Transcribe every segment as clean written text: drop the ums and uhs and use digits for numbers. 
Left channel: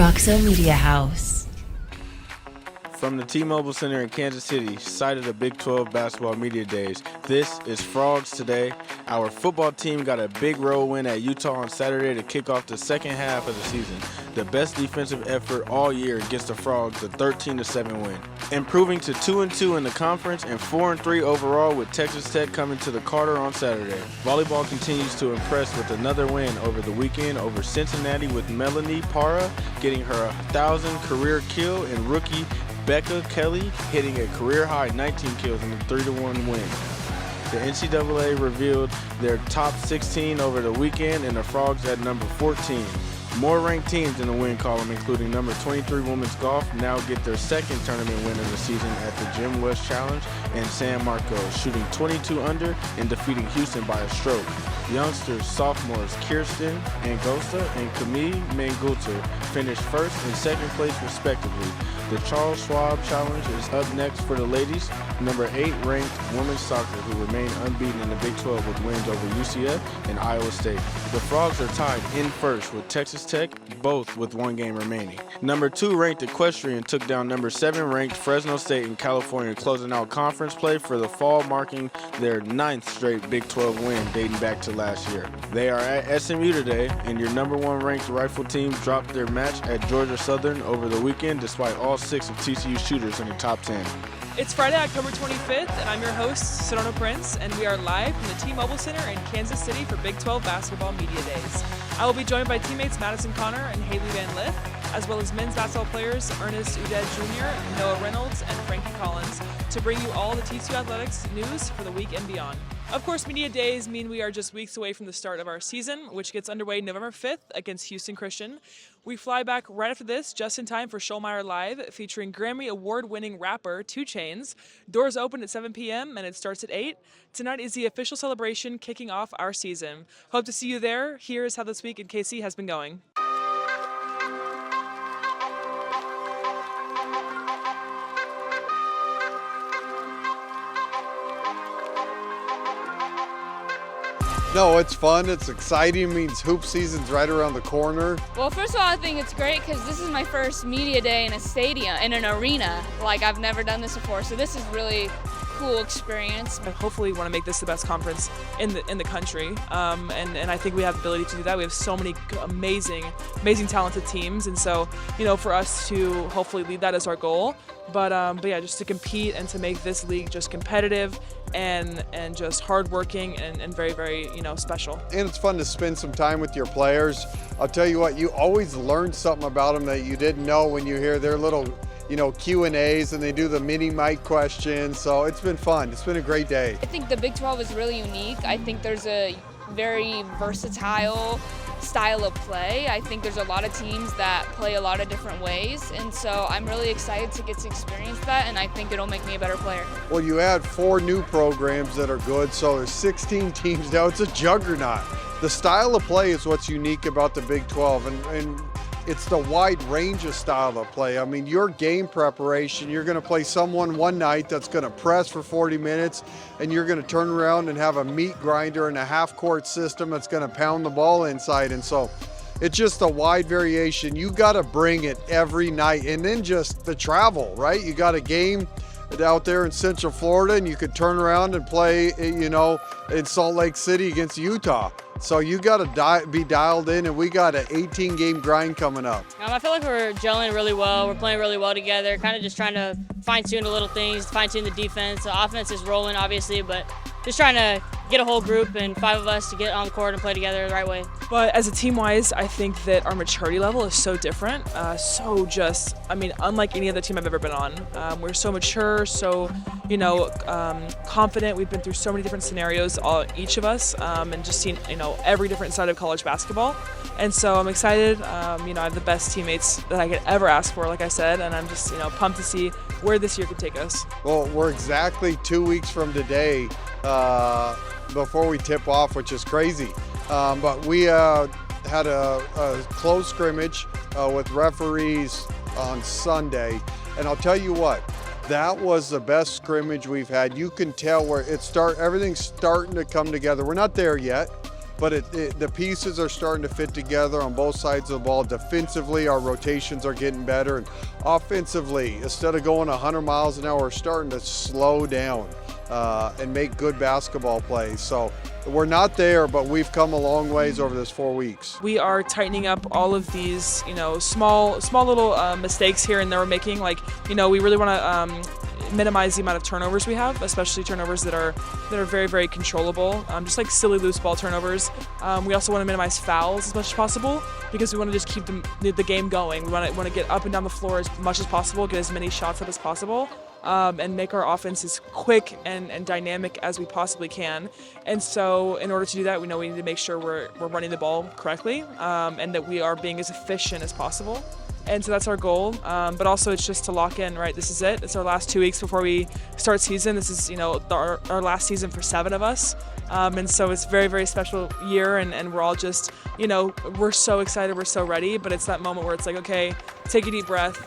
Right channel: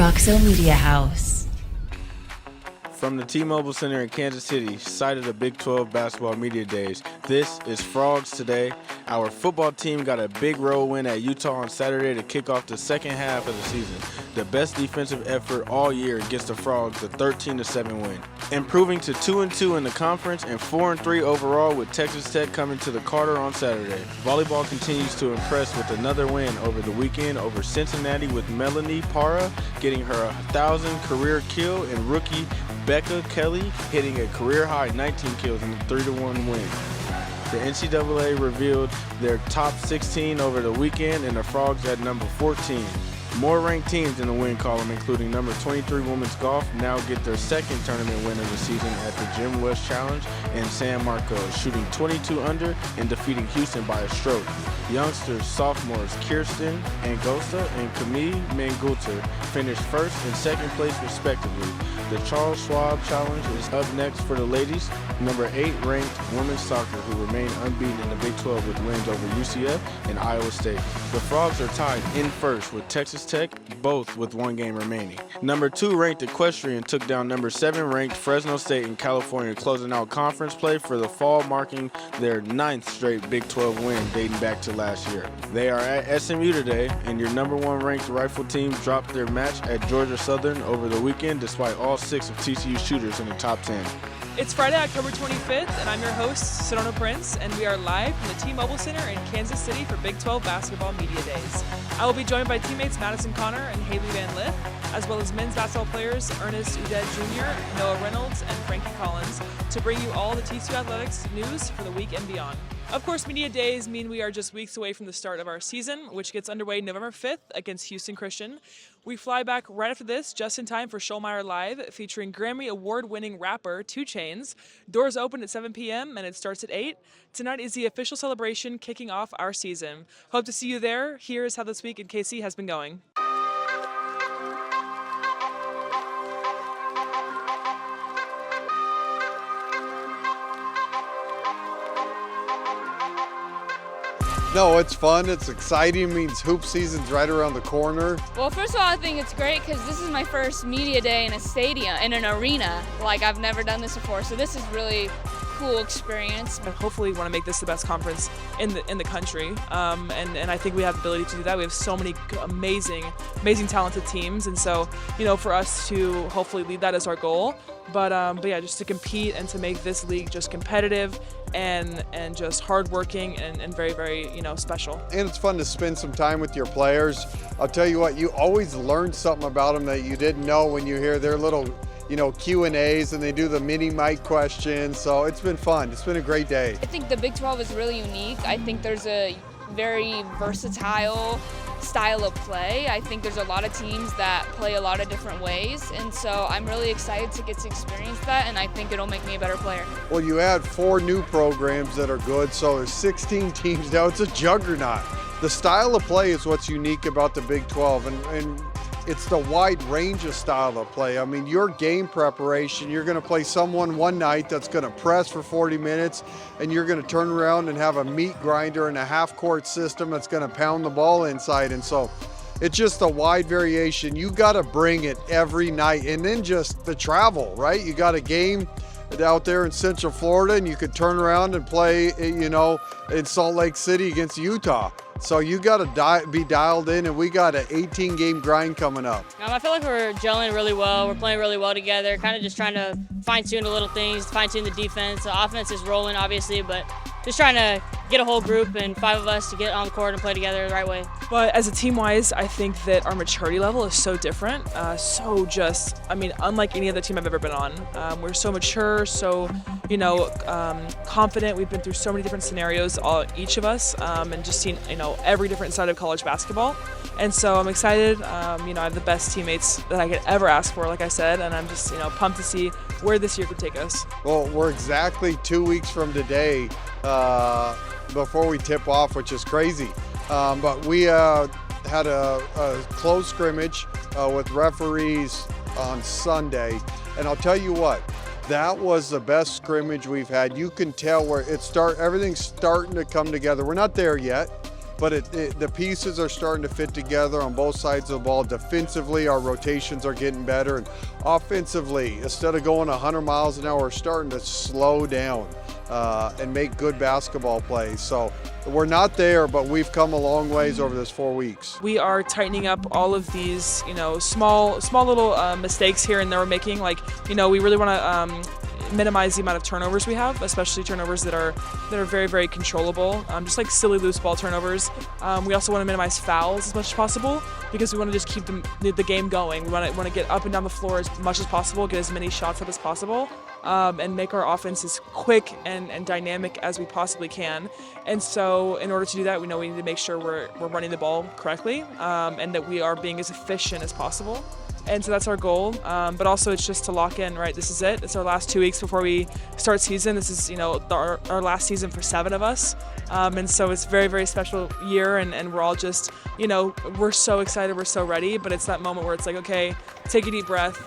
Roxo Media House. From the T-Mobile Center in Kansas City, site of the Big 12 Basketball Media Days, this is Frogs Today. Our football team got a big road win at Utah on Saturday to kick off the second half of the season. The best defensive effort all year against the Frogs, a 13-7 win. Improving to 2-2 in the conference and 4-3 overall with Texas Tech coming to the Carter on Saturday. Volleyball continues to impress with another win over the weekend over Cincinnati with Melanie Parra getting her 1,000th career kill and rookie Becca Kelly hitting a career-high 19 kills in a 3-1 win. The NCAA revealed their top 16 over the weekend, and the Frogs at number 14. More ranked teams in the win column, including number 23 Women's Golf, now get their second tournament win of the season at the Jim West Challenge, and San Marcos shooting 22 under and defeating Houston by a stroke. Youngsters, sophomores Kirsten Angosta and Camille Mangulter finished first and second place respectively. The Charles Schwab Challenge is up next for the ladies. Number 8 ranked women's soccer, who remain unbeaten in the Big 12 with wins over UCF and Iowa State. The Frogs are tied in first with Texas Tech, both with one game remaining. Number 2 ranked Equestrian took down number 7 ranked Fresno State in California, closing out conference play for the fall, marking their 9th straight Big 12 win dating back to last year. They are at SMU today, and your number 1 ranked rifle team dropped their match at Georgia Southern over the weekend despite all 6 of TCU's shooters in the top 10. It's Friday, October 25th, and I'm your host, Sedona Prince, and we are live from the T-Mobile Center in Kansas City for Big 12 Basketball Media Days. I will be joined by teammates Madison Conner and Hailey Van Lith, as well as men's basketball players Ernest Udeh Jr., Noah Reynolds, and Frankie Collins, to bring you all the TCU athletics news for the week and beyond. Of course, Media Days mean we are just weeks away from the start of our season, which gets underway November 5th against Houston Christian. We fly back right after this, just in time for Schollmaier Live, featuring Grammy Award-winning rapper 2 Chainz. Doors open at 7 p.m. and it starts at 8. Tonight is the official celebration kicking off our season. Hope to see you there. Here's how this week in KC has been going. No, it's fun, it's exciting, it means hoop season's right around the corner. Well, first of all, I think it's great because this is my first media day in a stadium, in an arena. Like, I've never done this before, so this is really cool experience. Hopefully we want to make this the best conference in the country, and I think we have the ability to do that. We have so many amazing talented teams, and so, you know, for us to hopefully lead that as our goal. But yeah, just to compete and to make this league just competitive and just hardworking and very, very, you know, special. And it's fun to spend some time with your players. I'll tell you what, you always learn something about them that you didn't know when you hear their little, you know, Q&As, and they do the mini mic questions. So it's been fun. It's been a great day. I think the Big 12 is really unique. I think there's a very versatile style of play. I think there's a lot of teams that play a lot of different ways, and so I'm really excited to get to experience that, and I think it'll make me a better player. Well, you add 4 new programs that are good, so there's 16 teams now. It's a juggernaut. The style of play is what's unique about the Big 12, and it's the wide range of style of play. I mean, your game preparation, you're going to play someone one night that's going to press for 40 minutes, and you're going to turn around and have a meat grinder and a half-court system that's going to pound the ball inside. And so it's just a wide variation. You got to bring it every night. And then just the travel, right? You got a game out there in Central Florida, and you could turn around and play, you know, in Salt Lake City against Utah. So you got to be dialed in, and we got an 18-game grind coming up. I feel like we're gelling really well. We're playing really well together, kind of just trying to fine-tune the little things, fine-tune the defense. The offense is rolling, obviously, but just trying to get a whole group and 5 of us to get on the court and play together the right way. But as a team-wise, I think that our maturity level is so different. Unlike any other team I've ever been on. We're so mature, so, you know, confident. We've been through so many different scenarios, each of us, and just seen, you know, every different side of college basketball. And so I'm excited. You know, I have the best teammates that I could ever ask for, like I said, and I'm just, you know, pumped to see where this year could take us. Well, we're exactly 2 weeks from today before we tip off, which is crazy. But we had a close scrimmage with referees on Sunday, and I'll tell you what, that was the best scrimmage we've had. You can tell where everything's starting to come together. We're not there yet, but the pieces are starting to fit together on both sides of the ball. Defensively, our rotations are getting better, and offensively, instead of going 100 miles an hour, we're starting to slow down and make good basketball plays. So we're not there, but we've come a long ways over this 4 weeks. We are tightening up all of these, small little mistakes here and there we're making. Like, we really want to minimize the amount of turnovers we have, especially turnovers that are very, very controllable, just like silly loose ball turnovers. We also want to minimize fouls as much as possible because we want to just keep the game going. We want to get up and down the floor as much as possible, get as many shots up as possible. And make our offense as quick and dynamic as we possibly can. And so in order to do that, we know we need to make sure we're running the ball correctly and that we are being as efficient as possible. And so that's our goal. But also it's just to lock in, right? This is it. It's our last 2 weeks before we start season. This is, our last season for 7 of us. And so it's a very, very special year, and we're all just, we're so excited, we're so ready, but it's that moment where it's like, okay, take a deep breath,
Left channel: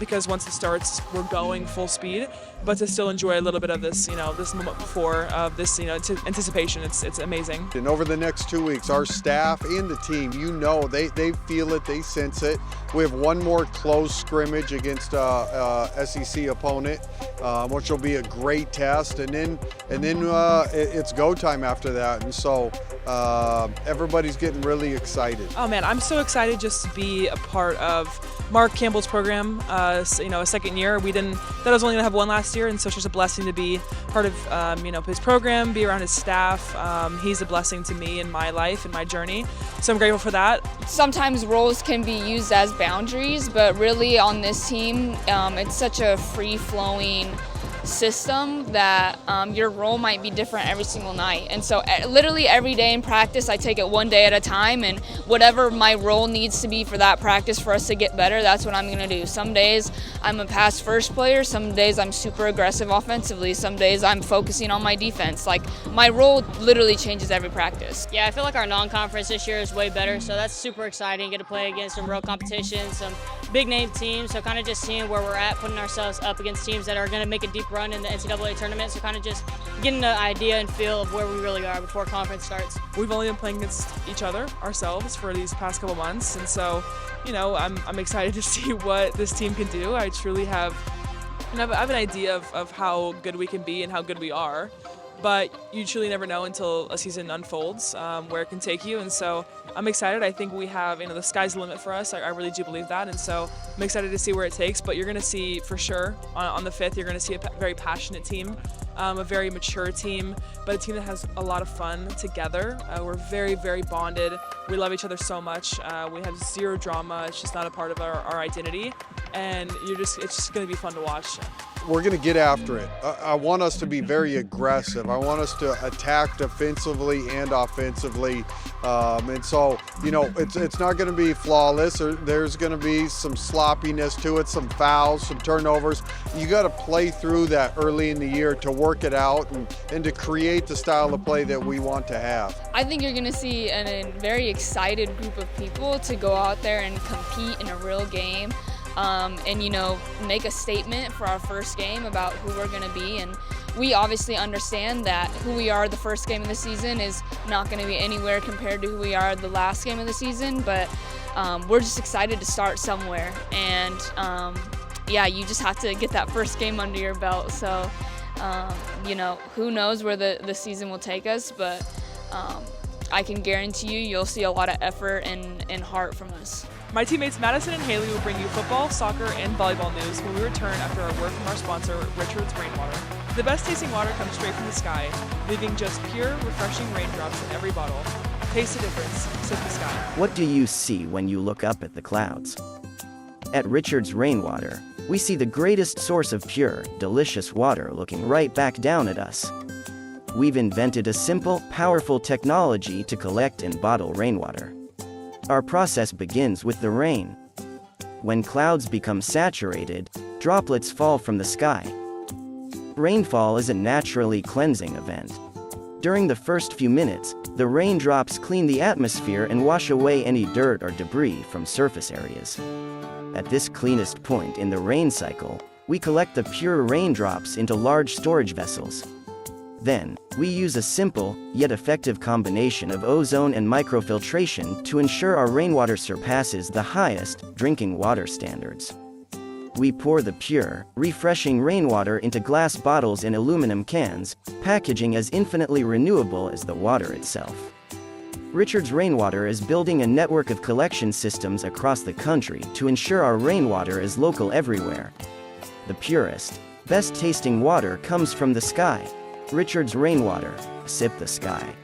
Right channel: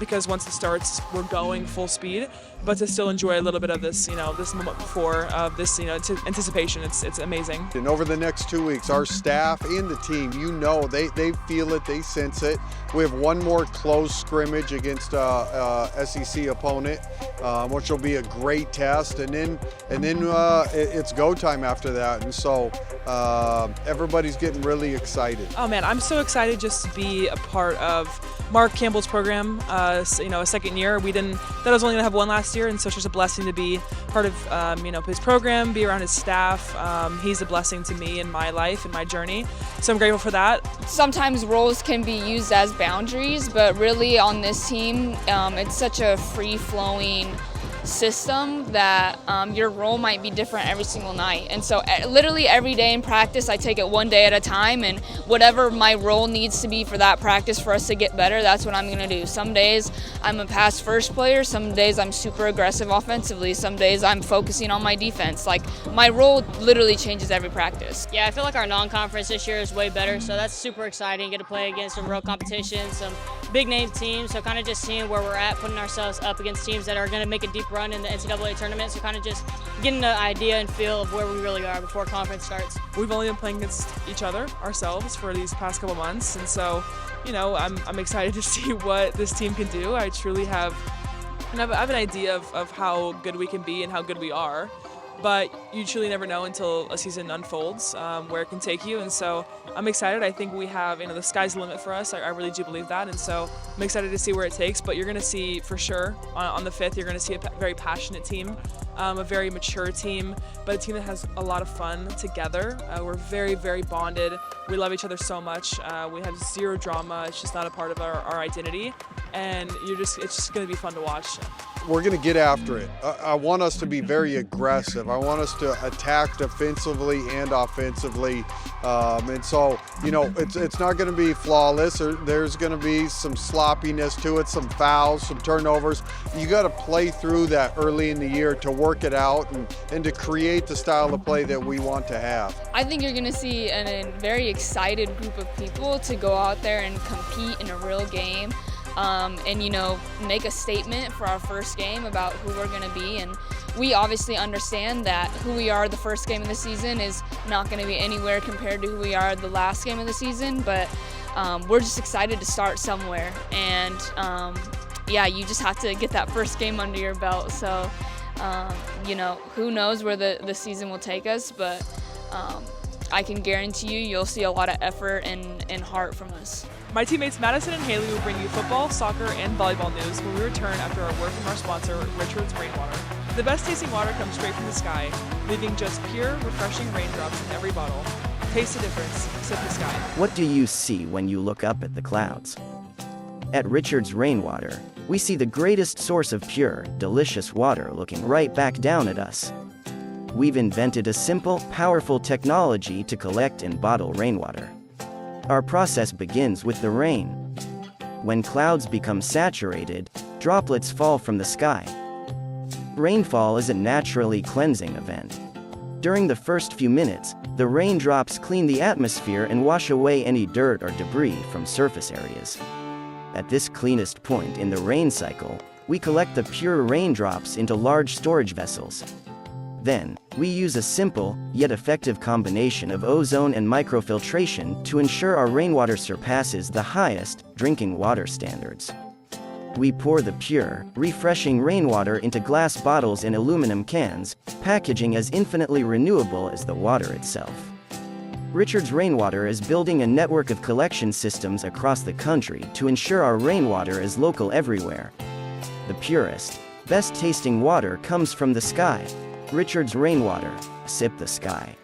because once it starts, we're going full speed, but to still enjoy a little bit of this, this moment before, this, anticipation, it's amazing. And over the next 2 weeks, our staff and the team, they feel it, they sense it. We have one more close scrimmage against a SEC opponent, which will be a great test, and then it's go time after that, and so everybody's getting really excited. Oh man, I'm so excited just to be a part of Mark Campbell's program. A second year. That was only gonna have one last year, and so it's just a blessing to be part of his program, be around his staff. He's a blessing to me in my life and my journey, so I'm grateful for that. Sometimes roles can be used as boundaries, but really on this team, it's such a free-flowing system that your role might be different every single night. And so literally every day in practice, I take it one day at a time, and whatever my role needs to be for that practice for us to get better, that's what I'm going to do. Some days I'm a pass first player, some days I'm super aggressive offensively, some days I'm focusing on my defense. Like, my role literally changes every practice. Yeah, I feel like our non-conference this year is way better, so that's super exciting. Get to play against some real competition, some big name teams, so kind of just seeing where we're at, putting ourselves up against teams that are going to make a deep run in the NCAA tournament, so kind of just getting an idea and feel of where we really are before conference starts. We've only been playing against each other, ourselves, for these past couple months, and so, I'm excited to see what this team can do. I truly have an idea of how good we can be and how good we are, but you truly never know until a season unfolds where it can take you, and so I'm excited. I think we have, the sky's the limit for us. I really do believe that, and so I'm excited to see where it takes, but you're going to see for sure on the 5th, you're going to see a very passionate team, a very mature team, but a team that has a lot of fun together. We're very, very bonded. We love each other so much. We have zero drama. It's just not a part of our identity, and it's just going to be fun to watch. We're going to get after it. I want us to be very aggressive. I want us to attack defensively and offensively. And so, it's not going to be flawless. There's going to be some sloppiness to it, some fouls, some turnovers. You got to play through that early in the year to work it out and to create the style of play that we want to have. I think you're going to see a very excited group of people to go out there and compete in a real game. And make a statement for our first game about who we're going to be. And we obviously understand that who we are the first game of the season is not going to be anywhere compared to who we are the last game of the season, but we're just excited to start somewhere. And you just have to get that first game under your belt. So who knows where the season will take us, but I can guarantee you'll see a lot of effort and heart from us. My teammates Madison and Hailey will bring you football, soccer, and volleyball news when we return after our word from our sponsor, Richard's Rainwater. The best tasting water comes straight from the sky, leaving just pure, refreshing raindrops in every bottle. Taste the difference. Sip the sky. What do you see when you look up at the clouds? At Richard's Rainwater, we see the greatest source of pure, delicious water looking right back down at us. We've invented a simple, powerful technology to collect and bottle rainwater. Our process begins with the rain. When clouds become saturated, droplets fall from the sky. Rainfall is a naturally cleansing event. During the first few minutes, the raindrops clean the atmosphere and wash away any dirt or debris from surface areas. At this cleanest point in the rain cycle, we collect the pure raindrops into large storage vessels. Then, we use a simple, yet effective combination of ozone and microfiltration to ensure our rainwater surpasses the highest drinking water standards. We pour the pure, refreshing rainwater into glass bottles and aluminum cans, packaging as infinitely renewable as the water itself. Richards Rainwater is building a network of collection systems across the country to ensure our rainwater is local everywhere. The purest, best-tasting water comes from the sky. Richards Rainwater, sip the sky.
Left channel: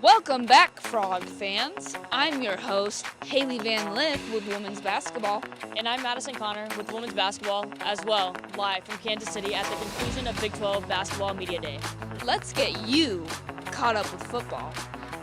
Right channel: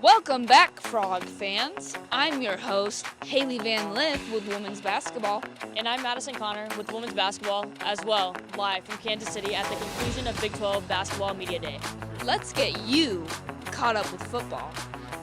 Welcome back, Frog fans. I'm your host, Hailey Van Lith with women's basketball. And I'm Madison Conner with women's basketball as well, live from Kansas City at the conclusion of Big 12 Basketball Media Day. Let's get you caught up with football.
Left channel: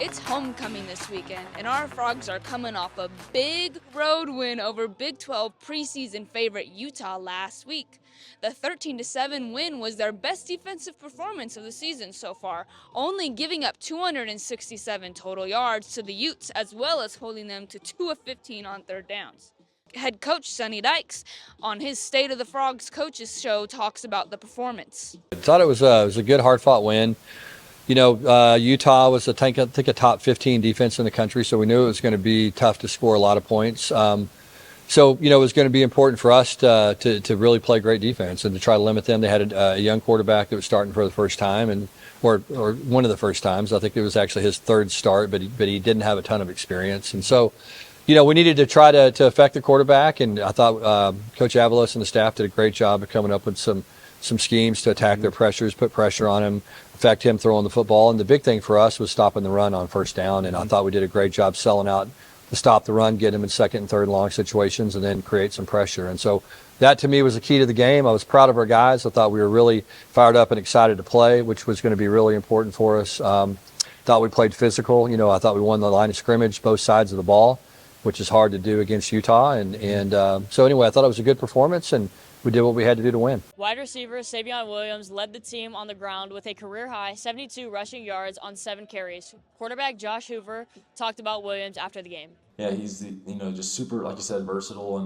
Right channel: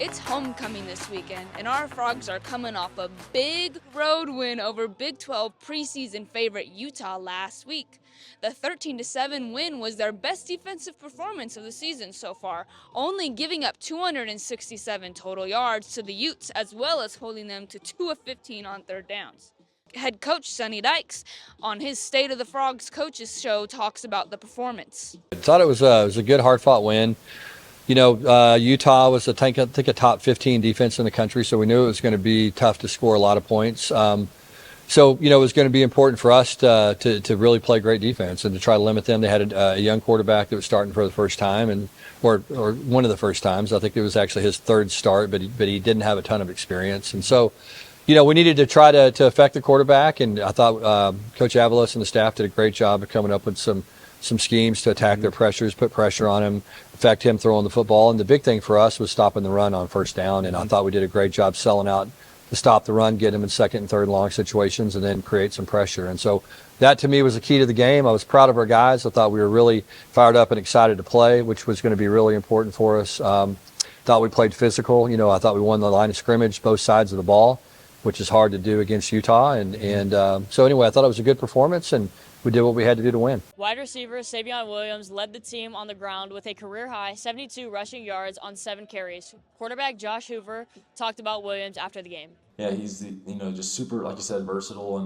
It's homecoming this weekend, and our Frogs are coming off a big road win over Big 12 preseason favorite Utah last week. The 13-7 win was their best defensive performance of the season so far, only giving up 267 total yards to the Utes, as well as holding them to 2 of 15 on third downs. Head coach Sonny Dykes on his State of the Frogs coaches show talks about the performance. I thought it was a good, hard-fought win. You know, Utah was, I think, a top 15 defense in the country, so we knew it was going to be tough to score a lot of points. So, you know, it was going to be important for us to really play great defense and to try to limit them. They had a young quarterback that was starting for the first time, or one of the first times. I think it was actually his third start, but he didn't have a ton of experience. And so, you know, we needed to try to affect the quarterback, and I thought Coach Avalos and the staff did a great job of coming up with some schemes to attack their pressures, put pressure on him, affect him throwing the football. And the big thing for us was stopping the run on first down, and I thought we did a great job selling out to stop the run, get him in second and third long situations, and then create some pressure. And so that, to me, was the key to the game. I was proud of our guys. I thought we were really fired up and excited to play, which was going to be really important for us. Thought we played physical. You know, I thought we won the line of scrimmage, both sides of the ball, which is hard to do against Utah. And so anyway, I thought it was a good performance, and we did what we had to do to win. Wide receiver Savion Williams led the team on the ground with a career-high 72 rushing yards on 7 carries. Quarterback Josh Hoover talked about Williams after the game. Yeah, he's just super, like you said, versatile,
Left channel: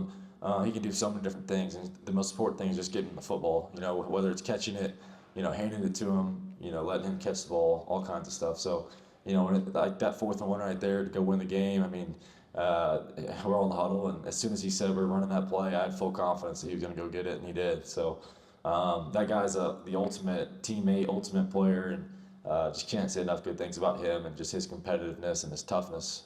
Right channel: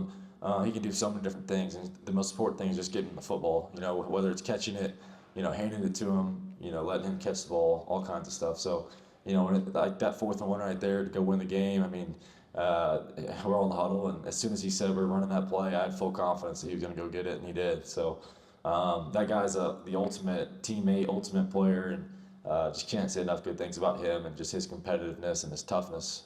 and he can do so many different things. And the most important thing is just getting him the football. You know, whether it's catching it, handing it to him, letting him catch the ball, all kinds of stuff. So, when like that 4th and 1 right there to go win the game. I mean, we're on the huddle, and as soon as he said we were running that play, I had full confidence that he was going to go get it, and he did. So that guy's the ultimate teammate, ultimate player, and just can't say enough good things about him and just his competitiveness and his toughness.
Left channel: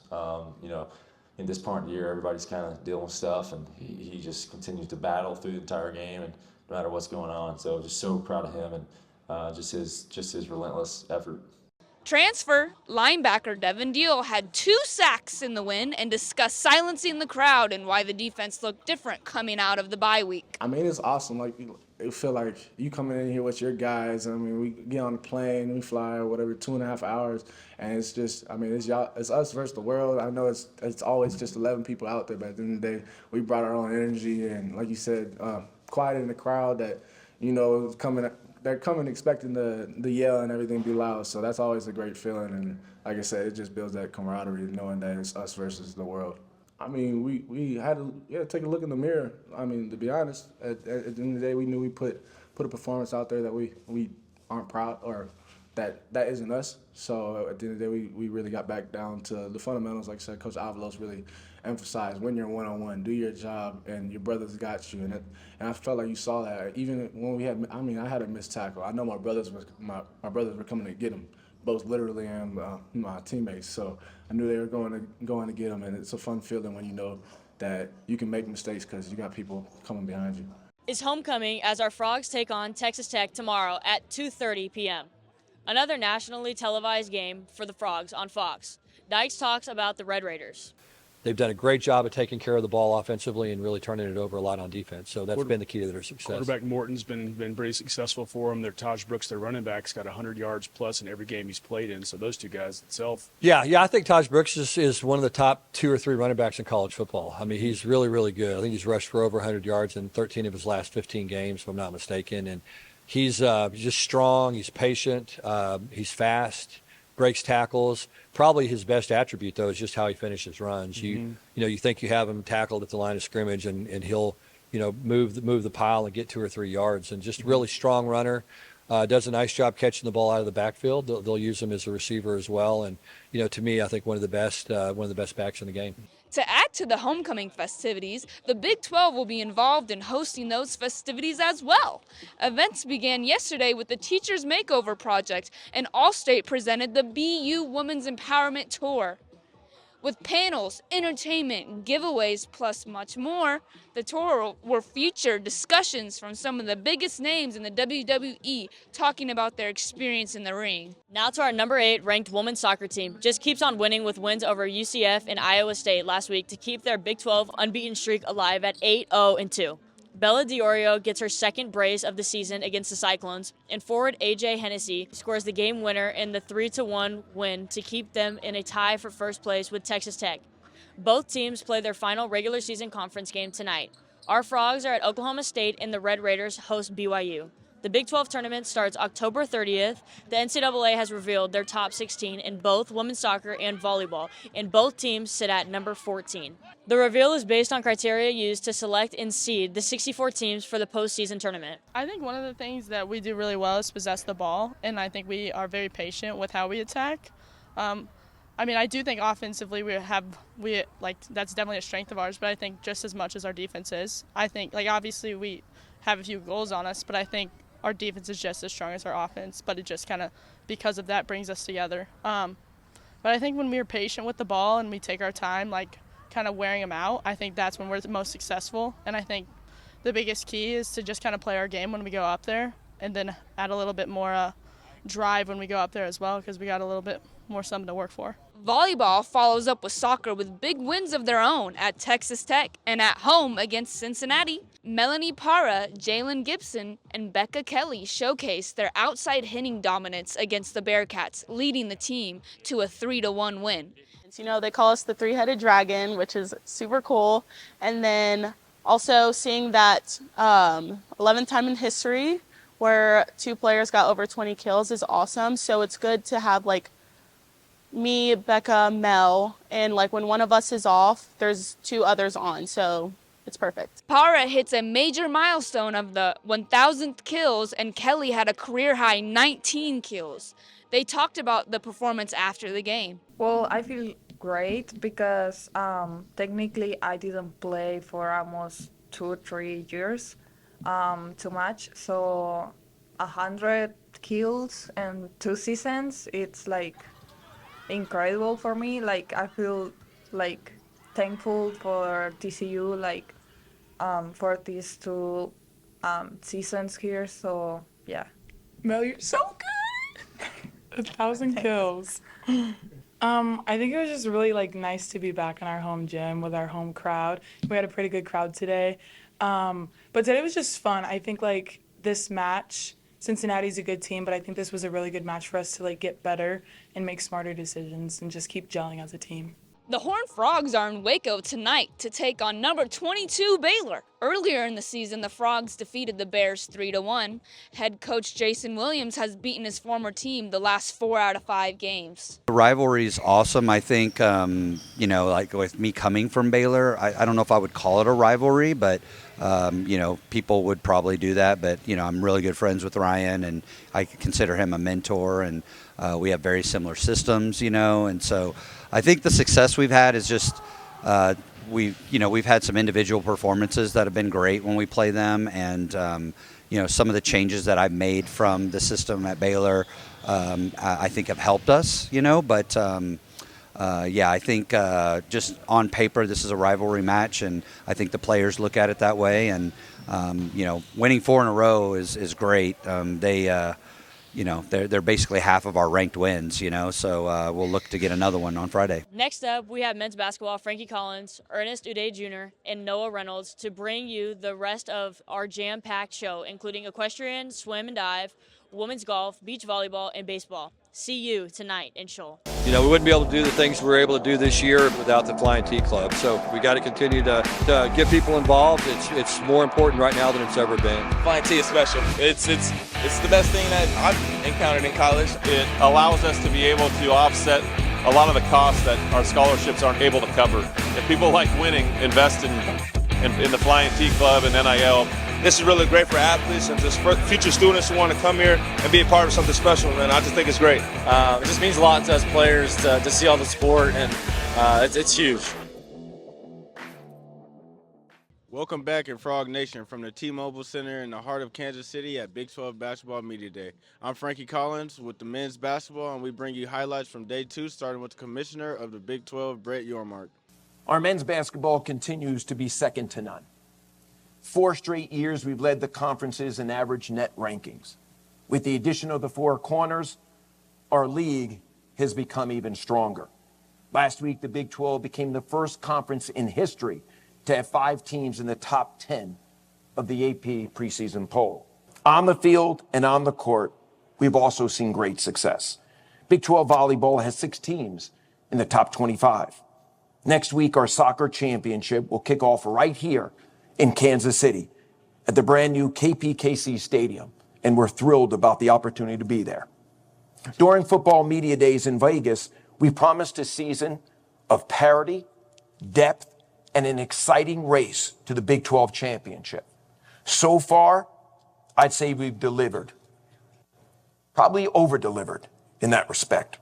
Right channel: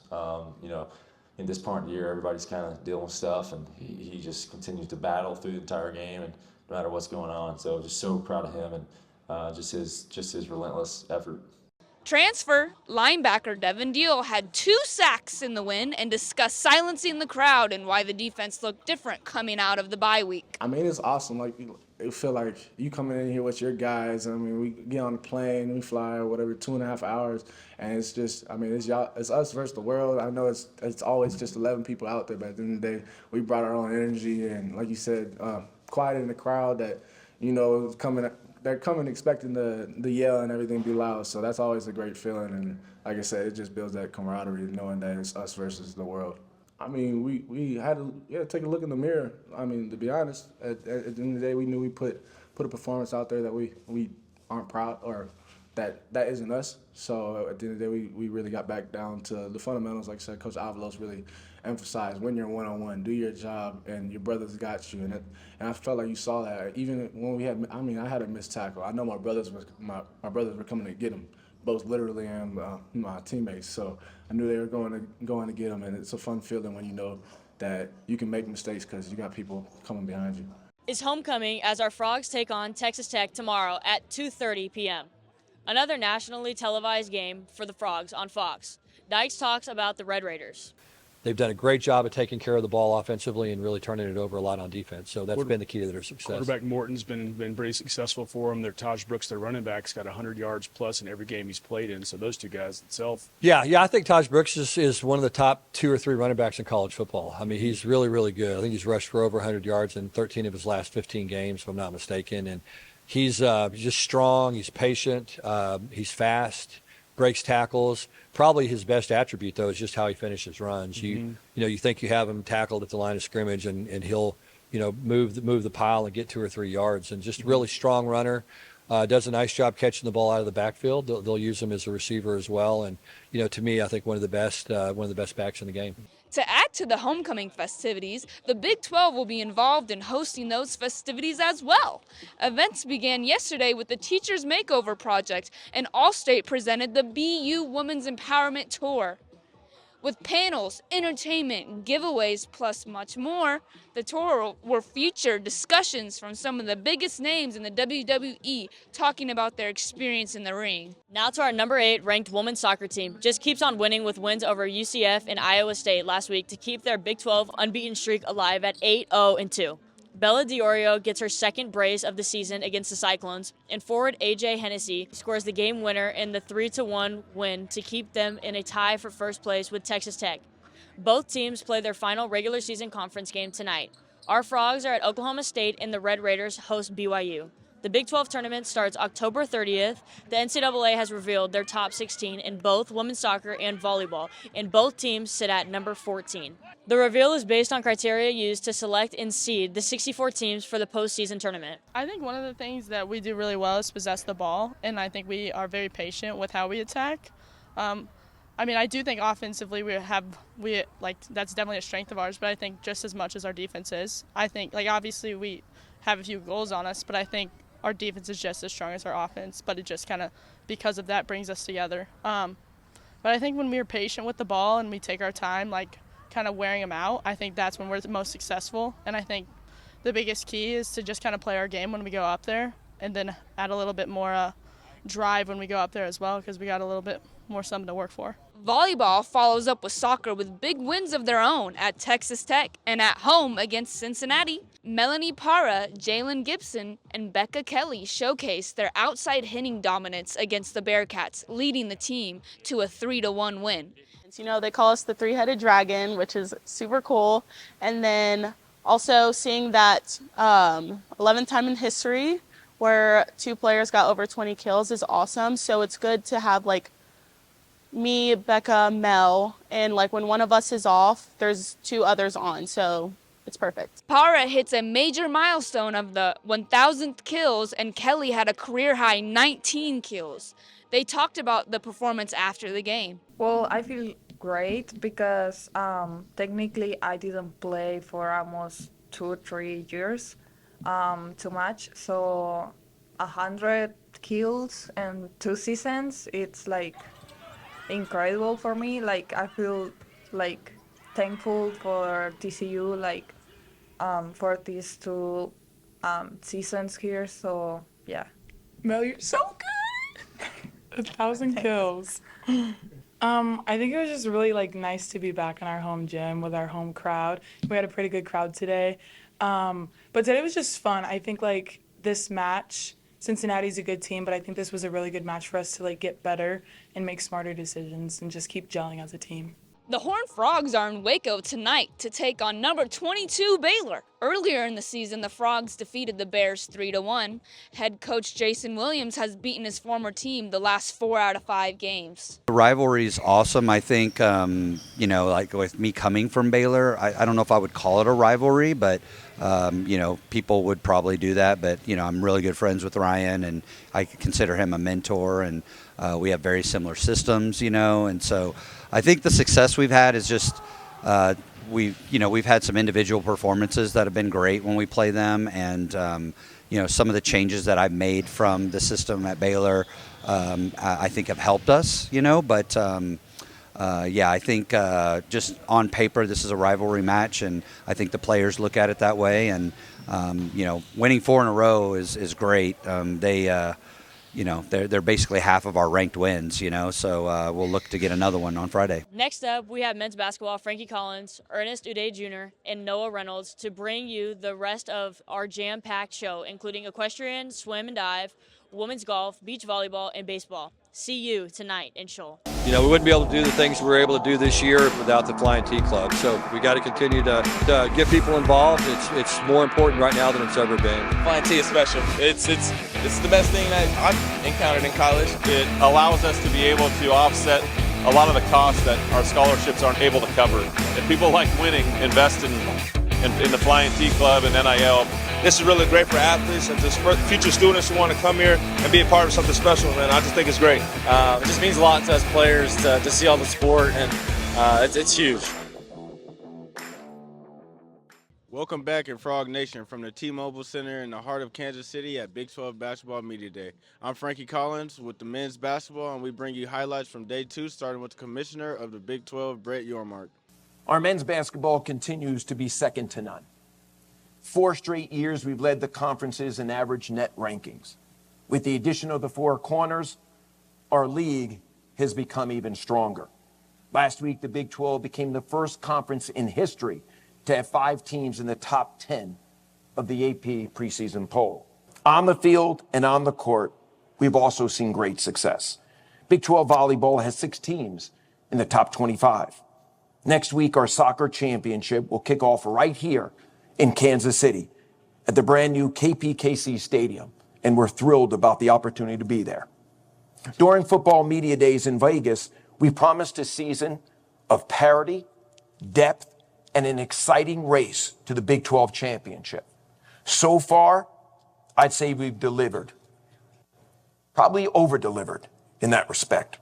In this part of the year, everybody's kind of dealing with stuff, and he just continues to battle through the entire game, and no matter what's going on. So just so proud of him and just his relentless effort. Transfer linebacker Devin Deal had 2 sacks in the win and discussed silencing the crowd and why the defense looked different coming out of the bye week. I mean, it's awesome. Like, it feel like you coming in here with your guys. I mean, we get on the plane, we fly whatever 2.5 hours, and it's just, I mean, it's us versus the world. I know it's always just 11 people out there, but at the end of the day, we brought our own energy, and like you said, quiet in the crowd that, they're coming expecting the yell and everything be loud, so that's always a great feeling. And like I said, it just builds that camaraderie knowing that it's us versus the world. I mean, we had to take a look in the mirror. I mean, to be honest, at the end of the day, we knew we put a performance out there that we aren't proud, or that isn't us. So at the end of the day, we really got back down to the fundamentals. Like I said, Coach Avalos really emphasized when you're one-on-one, do your job, and your brothers got you. And I felt like you saw that. Even when I had a missed tackle. I know my brothers were coming to get him, both literally and my teammates. So I knew they were going to get him, and it's a fun feeling when you know that you can make mistakes because you got people coming behind you. It's homecoming as our Frogs take on Texas Tech tomorrow at 2:30 p.m. Another nationally televised game for the Frogs on Fox. Dykes talks about the Red Raiders. They've done a great job of taking care of the ball offensively and really turning it over a lot on defense. So that's been the key to their success. Quarterback Morton's been pretty successful for them. Their Taj Brooks, their running back's got 100 yards plus in every game he's played in. So those two guys itself. Yeah, I think Taj Brooks is one of the top 2 or 3 running backs in college football. I mean, he's really, really good. I think he's rushed for over 100 yards in 13 of his last 15 games, if I'm not mistaken. And he's just strong. He's patient. He's fast. Breaks tackles. Probably his best attribute, though, is just how he finishes runs. Mm-hmm. You think you have him tackled at the line of scrimmage, and he'll move the pile and get 2 or 3 yards. And just really strong runner. does a nice job catching the ball out of the backfield. They'll use him as a receiver as well. And, to me, I think one of the best backs in the game. To add to the homecoming festivities, the Big 12 will be involved in hosting those festivities as well. Events began yesterday with the Teachers Makeover Project, and Allstate presented the BU Women's Empowerment Tour. With panels, entertainment, giveaways, plus much more, the tour will feature discussions from some of the biggest names in the WWE talking about their experience in the ring. Now to our number 8 ranked women's soccer team. Just keeps on winning with wins over UCF and Iowa State last week to keep their Big 12 unbeaten streak alive at 8-0-2. Bella Diorio gets her second brace of the season against the Cyclones, and forward AJ Hennessy scores the game winner in the 3-1 win to keep them in a tie for first place with Texas Tech. Both teams play their final regular season conference game tonight. Our Frogs are at Oklahoma State and the Red Raiders host BYU. The Big 12 tournament starts October 30th. The NCAA has revealed their top 16 in both women's soccer and volleyball, and both teams sit at number 14. The reveal is based on criteria used to select and seed the 64 teams for the postseason tournament. I think one of the things that we do really well is possess the ball, and I think we are very patient with how we attack. I do think offensively that's definitely a strength of ours, but I think just as much as our defense is. I think, obviously we have a few goals on us, but I think our defense is just as strong as our offense, but it just kind of, because of that, brings us together. But I think when we're patient with the ball and we take our time, kind of wearing them out, I think that's when we're the most successful. And I think the biggest key is to just kind of play our game when we go up there and then add a little bit more drive when we go up there as well, because we got a little bit more something to work for. Volleyball follows up with soccer with big wins of their own at Texas Tech and at home against Cincinnati. Melanie Parra, Jalen Gibson, and Becca Kelly showcased their outside hitting dominance against the Bearcats, leading the team to a 3-1 win. They call us the three-headed dragon, which is super cool. And then also seeing that 11th time in history where 2 players got over 20 kills is awesome. So it's good to have me, Becca, Mel, and when one of us is off, there's 2 others on. So it's perfect. Parra hits a major milestone of the 1,000th kills, and Kelly had a career-high 19 kills. They talked about the performance after the game. Well, I feel great because technically I didn't play for almost 2-3 years too much. So 100 kills and 2 seasons, it's incredible for me. I feel thankful for TCU for these 2 seasons here. So yeah. Mel, you're so good. 1,000 kills. I think it was just really nice to be back in our home gym with our home crowd. We had a pretty good crowd today. But today was just fun. I think this match, Cincinnati's a good team, but I think this was a really good match for us to get better and make smarter decisions and just keep gelling as a team. The Horned Frogs are in Waco tonight to take on number 22 Baylor. Earlier in the season, the Frogs defeated the Bears 3-1. Head coach Jason Williams has beaten his former team the last 4 out of 5 games. The rivalry is awesome. I think, with me coming from Baylor, I don't know if I would call it a rivalry, but, people would probably do that. But, I'm really good friends with Ryan, and I consider him a mentor, and we have very similar systems, and so I think the success we've had is just we've had some individual performances that have been great when we play them, and some of the changes that I've made from the system at Baylor I think have helped us, but I think just on paper this is a rivalry match, and I think the players look at it that way, and winning 4 in a row is great. They're basically half of our ranked wins, so we'll look to get another one on Friday. Next up, we have men's basketball, Frankie Collins, Ernest Udeh Jr., and Noah Reynolds to bring you the rest of our jam-packed show, including equestrian, swim and dive, women's golf, beach volleyball, and baseball. See you tonight in Scholl. We wouldn't be able to do the things we were able to do this year without the Flying T Club. So we got to continue to get people involved. It's more important right now than it's ever been. Flying T is special. It's the best thing that I've encountered in college. It allows us to be able to offset a lot of the costs that our scholarships aren't able to cover. If people like winning, invest in the Flying T Club and NIL. this is really great for athletes and just for future students who want to come here and be a part of something special, man. I just think it's great. It just means a lot to us players to see all the sport, and it's huge. Welcome back in Frog Nation from the T-Mobile Center in the heart of Kansas City at Big 12 Basketball Media Day. I'm Frankie Collins with the men's basketball, and we bring you highlights from day 2, starting with the commissioner of the Big 12, Brett Yormark. Our men's basketball continues to be second to none. 4 straight years we've led the conferences in average net rankings. With the addition of the 4 corners, our league has become even stronger. Last week, the Big 12 became the first conference in history to have 5 teams in the top 10 of the AP preseason poll. On the field and on the court, we've also seen great success. Big 12 Volleyball has 6 teams in the top 25. Next week, our soccer championship will kick off right here in Kansas City at the brand new KPKC Stadium, and we're thrilled about the opportunity to be there. During football media days in Vegas, we promised a season of parity, depth, and an exciting race to the Big 12 championship. So far, I'd say we've delivered. Probably over-delivered in that respect.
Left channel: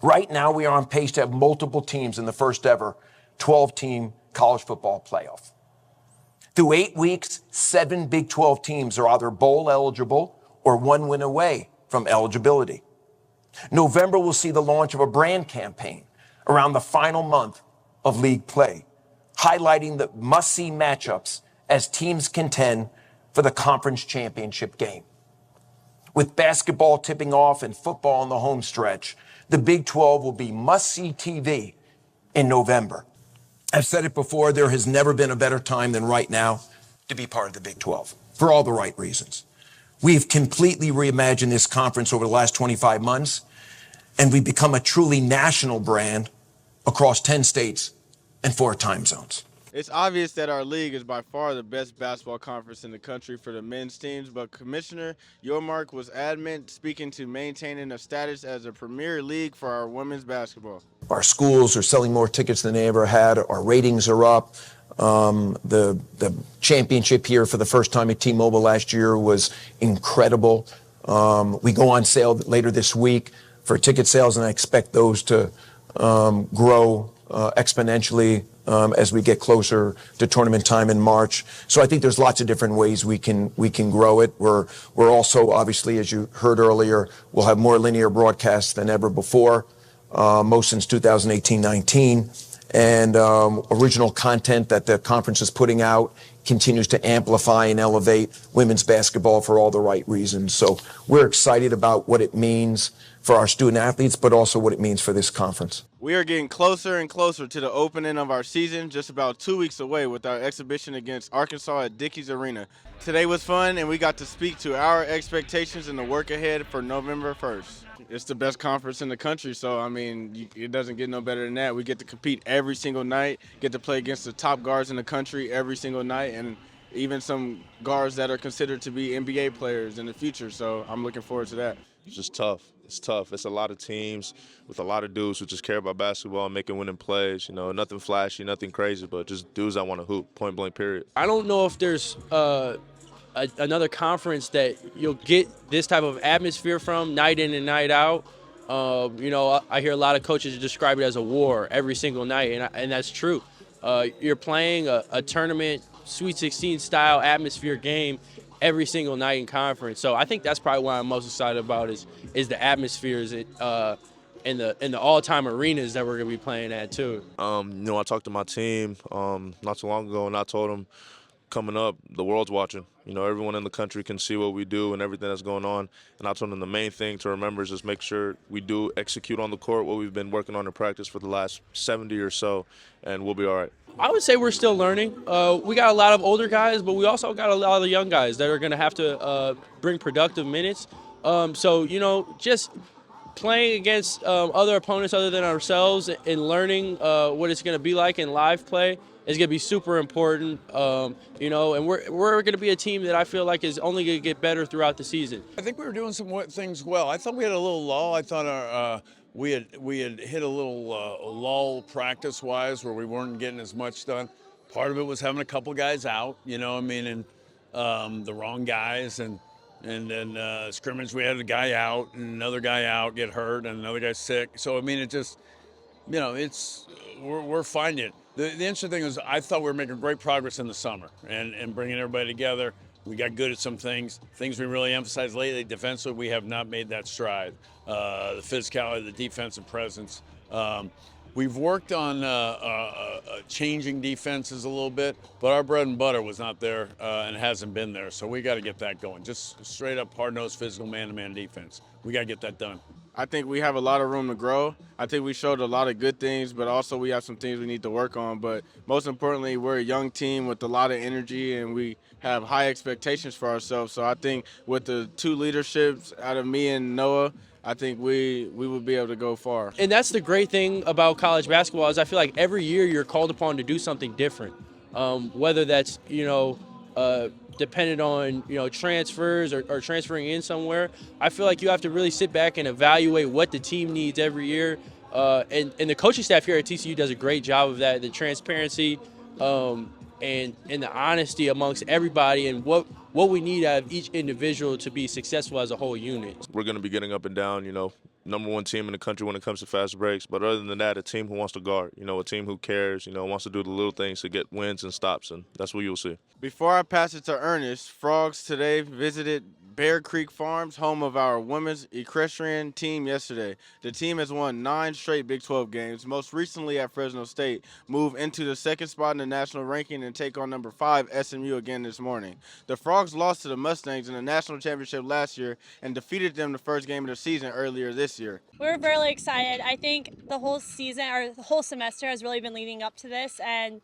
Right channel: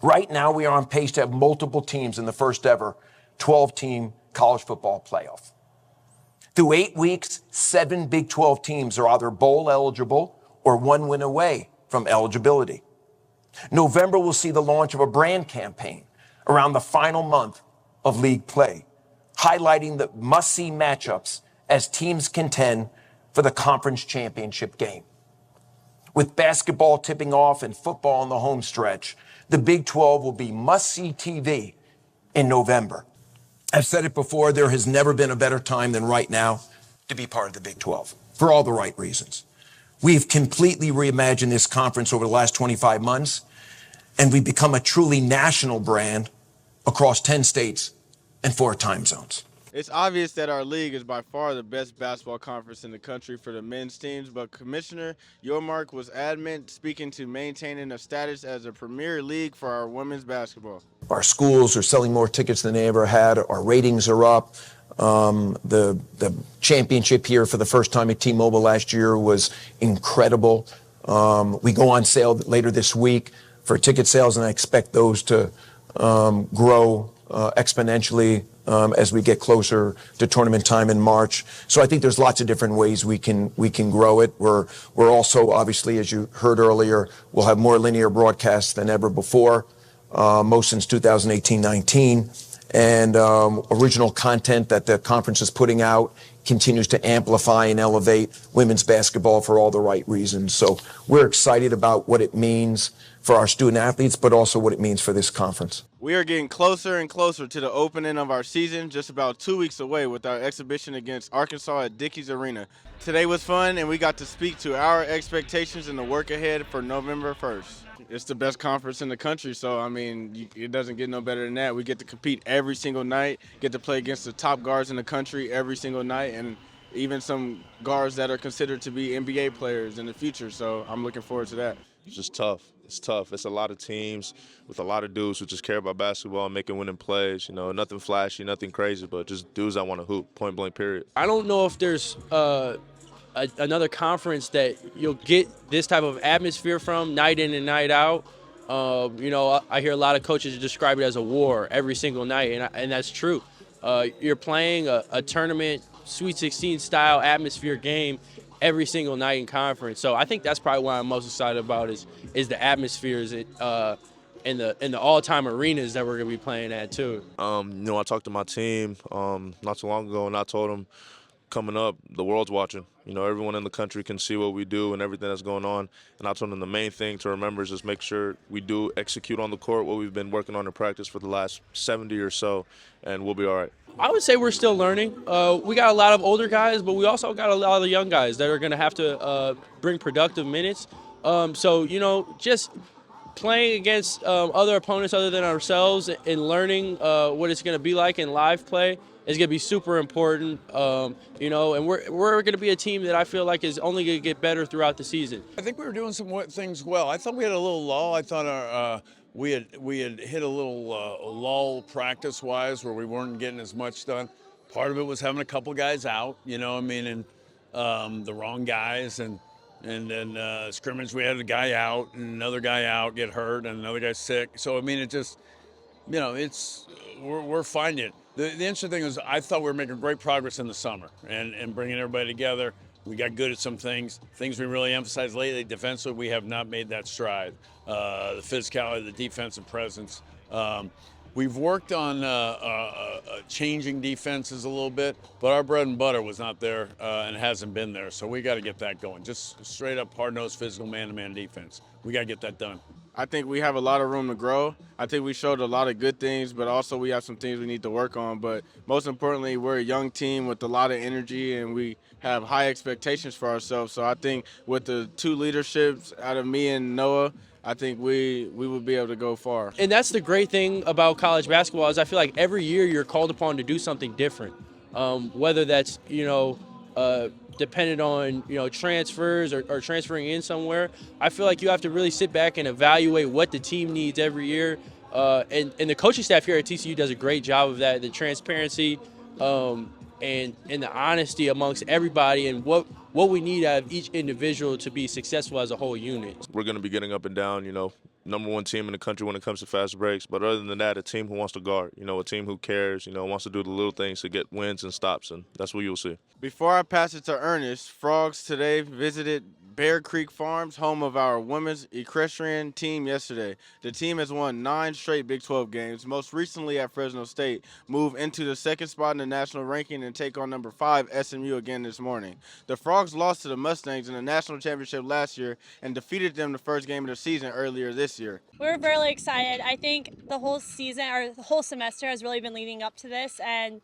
Right now, we are on pace to have multiple teams in the first ever 12-team college football playoff. Through 8 weeks, 7 Big 12 teams are either bowl eligible or 1 win away from eligibility. November will see the launch of a brand campaign around the final month of league play, highlighting the must-see matchups as teams contend for the conference championship game. With basketball tipping off and football on the home stretch, the Big 12 will be must-see TV in November. I've said it before, there has never been a better time than right now to be part of the Big 12, for all the right reasons. We've completely reimagined this conference over the last 25 months, and we've become a truly national brand across 10 states and 4 time zones. It's obvious that our league is by far the best basketball conference in the country for the men's teams, but Commissioner Yormark was adamant, speaking to maintaining a status as a premier league for our women's basketball. Our schools are selling more tickets than they ever had. Our ratings are up. The championship here for the first time at T-Mobile last year was incredible. We go on sale later this week for ticket sales, and I expect those to grow exponentially as we get closer to tournament time in March. So I think there's lots of different ways we can grow it. We're also, obviously, as you heard earlier, we'll have more linear broadcasts than ever before, most since 2018-19. And original content that the conference is putting out continues to amplify and elevate women's basketball for all the right reasons. So we're excited about what it means for our student athletes, but also what it means for this conference. We are getting closer and closer to the opening of our season, just about 2 weeks away with our exhibition against Arkansas at Dickies Arena. Today was fun, and we got to speak to our expectations and the work ahead for November 1st. It's the best conference in the country, so, I mean, it doesn't get no better than that. We get to compete every single night, get to play against the top guards in the country every single night, and even some guards that are considered to be NBA players in the future, so I'm looking forward to that. It's just tough. It's tough. It's a lot of teams with a lot of dudes who just care about basketball and making winning plays. You know, nothing flashy, nothing crazy, but just dudes that want to hoop, point blank, period. I don't know if there's another conference that you'll get this type of atmosphere from night in and night out. You know, I hear a lot of coaches describe it as a war every single night, and that's true. You're playing a tournament, Sweet 16 style atmosphere game every single night in conference. So I think that's probably what I'm most excited about is the atmospheres in the all-time arenas that we're going to be playing at too. You know, I talked to my team not too long ago, and I told them coming up, the world's watching. You know, everyone in the country can see what we do and everything that's going on. And I told them the main thing to remember is just make sure we do execute on the court what we've been working on in practice for the last 70 or so, and we'll be all right. I would say we're still learning. We got a lot of older guys, but we also got a lot of young guys that are going to have to bring productive minutes. So, you know, just playing against other opponents other than ourselves and learning what it's going to be like in live play is going to be super important, you know, and we're going to be a team that I feel like is only going to get better throughout the season. I think we were doing some things well. I thought we had a little lull. I thought we had hit a little lull practice-wise where we weren't getting as much done. Part of it was having a couple guys out, you know, I mean, and the wrong guys, and then scrimmage we had a guy out and another guy out get hurt and another guy sick. So I mean, it just, we're finding it. The interesting thing is I thought we were making great progress in the summer and bringing everybody together. We got good at some things we really emphasized lately. Defensively, we have not made that stride. The physicality, the defensive presence. We've worked on changing defenses a little bit, but our bread and butter was not there and hasn't been there. So we got to get that going. Just straight up hard-nosed physical man-to-man defense. We got to get that done. I think we have a lot of room to grow. I think we showed a lot of good things, but also we have some things we need to work on. But most importantly, we're a young team with a lot of energy, and we have high expectations for ourselves. So I think with the two leaderships out of me and Noah, I think we will be able to go far. And that's the great thing about college basketball is I feel like every year you're called upon to do something different, whether that's, dependent on, transfers or transferring in somewhere. I feel like you have to really sit back and evaluate what the team needs every year. And the coaching staff here at TCU does a great job of that, the transparency and the honesty amongst everybody and what we need out of each individual to be successful as a whole unit. We're going to be getting up and down, number one team in the country when it comes to fast breaks. But other than that, a team who wants to guard, a team who cares, wants to do the little things to get wins and stops, and that's what you'll see. Before I pass it to Ernest, Frogs today visited Bear Creek Farms, home of our women's equestrian team yesterday. The team has won 9 straight Big 12 games, most recently at Fresno State, move into the second spot in the national ranking and take on number 5 SMU again this morning. The Frogs lost to the Mustangs in the national championship last year and defeated them the first game of the season earlier this year. We're really excited. I think the whole season or the whole semester has really been leading up to this, and